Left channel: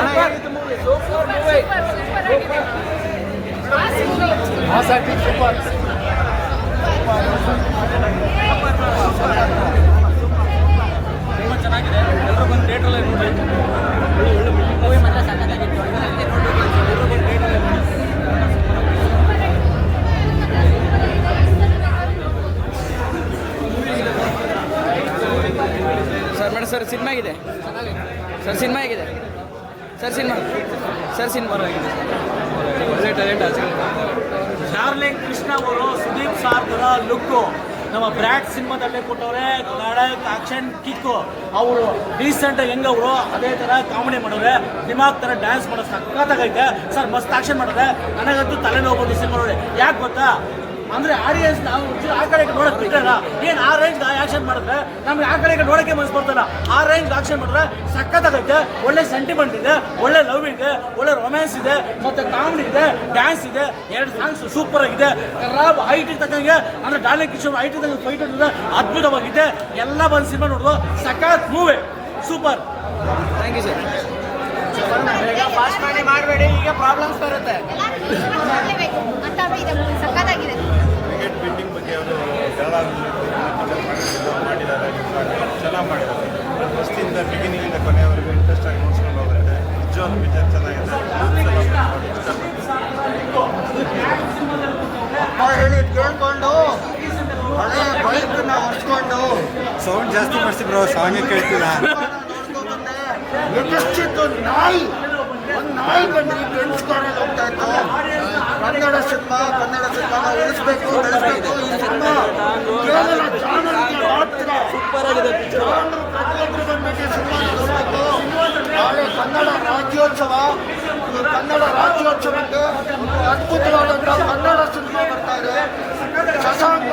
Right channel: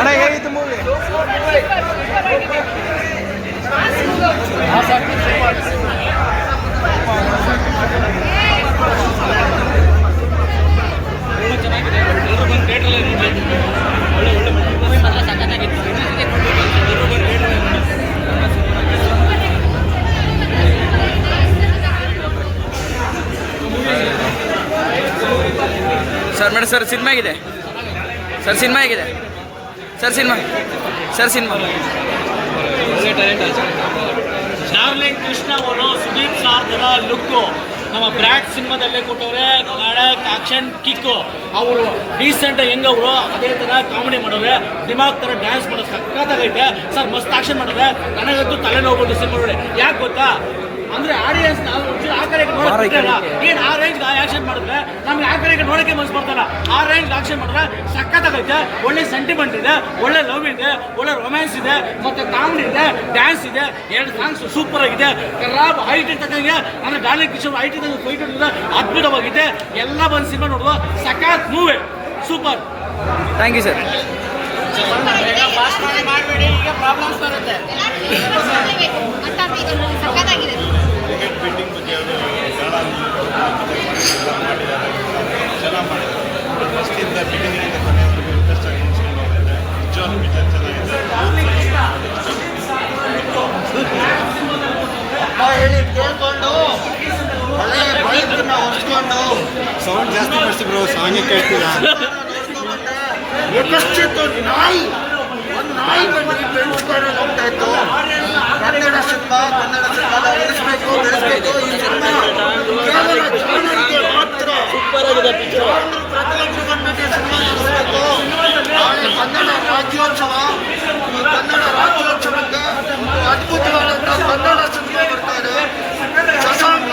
અને sir, madam, sir, cinema ಆಗಿದೆ. Sir, cinema ಆಗಿದೆ. Sir, cinema. Sir, cinema. Darling Krishna ಅವರು ಸುದೀಪ್ ಸಾರ್ ಥರ ಲುಕ್ಕು. ನಮ್ಮ ಬ್ರ್ಯಾಡ್ ಸಿನಿಮಾದಲ್ಲೇ ಕೊಟ್ಟವ್ರೆ ನಾಳೆ ಆಕ್ಷನ್ ಕಿಕ್ಕು. ಅವರು ರೀಸೆಂಟ್ ಹೆಂಗ್ ಅವರು, ಅದೇ ತರ ಕಾಮಿಡಿ ಮಾಡೋರೆ ದಿಮಾಗ್ ತರ ಡ್ಯಾನ್ಸ್ ಮಾಡೋ ಸಖತ್ತಾಗೈತೆ ಸರ್, ಮಸ್ತ್ ಆಕ್ಷನ್ ಮಾಡಿದ್ರೆ ನನಗಂತೂ ತಲೆನೋವು ಬಂದು ಸಿನಿಮಾ ನೋಡಿ. ಯಾಕೆ ಗೊತ್ತಾ? ಅಂದ್ರೆ ಆಡಿಯನ್ಸ್ ನಾವು ಆ ಕಡೆ ನೋಡಕ್ ಬಿಟ್ಟಲ್ಲ ಏನ್ ಆ ರೇಂಜ್ ಆಕ್ಷನ್ ಮಾಡಿದ್ರೆ ನಮ್ಗೆ ಆ ಕಡೆ ನೋಡಕ್ಕೆ ಮನಸ್ಸು ಬರ್ತಲ್ಲ ಆ ರೇಂಜ್ ಆಕ್ಷನ್ ಮಾಡಿದ್ರೆ ಸಖತ್ತಾಗೈತೆ ಒಳ್ಳೆ ಸೆಂಟಿಮೆಂಟ್ ಇದೆ ಒಳ್ಳೆ ಲವ್ ಇದೆ ಒಳ್ಳೆ ರೊಮ್ಯಾನ್ಸ್ ಇದೆ ಮತ್ತೆ ಕಾಮಿಡಿ ಇದೆ ಡ್ಯಾನ್ಸ್ ಇದೆ ಎರಡು ಸಾಂಗ್ಸ್ ಸೂಪರ್ ಆಗಿದೆ. ರಾಬ್ ಹೈಟ್ ಇರ್ತಕ್ಕಂಗೆ ಅಂದ್ರೆ ಡಾಲಿ ಕಿಶೋರ್ ಹೈಟ್ ಇದ್ದಂಗೆ ಫೈಟ್ ಇದೆ ಅದ್ಭುತವಾಗಿದೆ. ಎಲ್ಲ ಬಂದು ಸಿನಿಮಾ ನೋಡುವ ಸಖತ್ movie super thank you sir ಮಾಡಬೇಡಿ ಈಗ ಪ್ರಾಬ್ಲಮ್ಸ್ ಬರುತ್ತೆ. ಮಾಡಿದ್ದಾರೆ ಚೆನ್ನಾಗಿ ಮಾಡಿದ್ದಾರೆ ಫಸ್ಟಿಂದ ಬಿಗಿನಿಂದ ಕೊನೆಯವರೆಗೂ ಇಂಟ್ರೆಸ್ಟ್ ಆಗಿ ನೋಡ್ಸ್ಕೊಂಡು ಹೋಗುತ್ತೆ ನಿಜವಾಗ್ಲೂ ಪಿಕ್ಚರ್ ಚೆನ್ನಾಗಿದೆ ಹೇಳಿ ಕೇಳ್ಕೊಂಡು ಹಳೆ ಬೈಕ್ನ ಸೌಂಡ್ ಜಾಸ್ತಿ ಮಾಡಿಸಿ ಬ್ರೋ ಸಾಂಗೇ ಕೇಳ್ತಿಲ್ಲ ನಾಯಿ ನಾಯಿ ಬಂದು ರಾಜ್ಯೋತ್ಸವ ಈ ಕನ್ನಡ ರಾಜ್ಯೋತ್ಸವಕ್ಕೆ ಅದ್ಭುತವಾದಂಥ ಕನ್ನಡ ಸಿನಿಮಾ ಬರ್ತಾ ಇದೆ ಶಶಾಂಕ್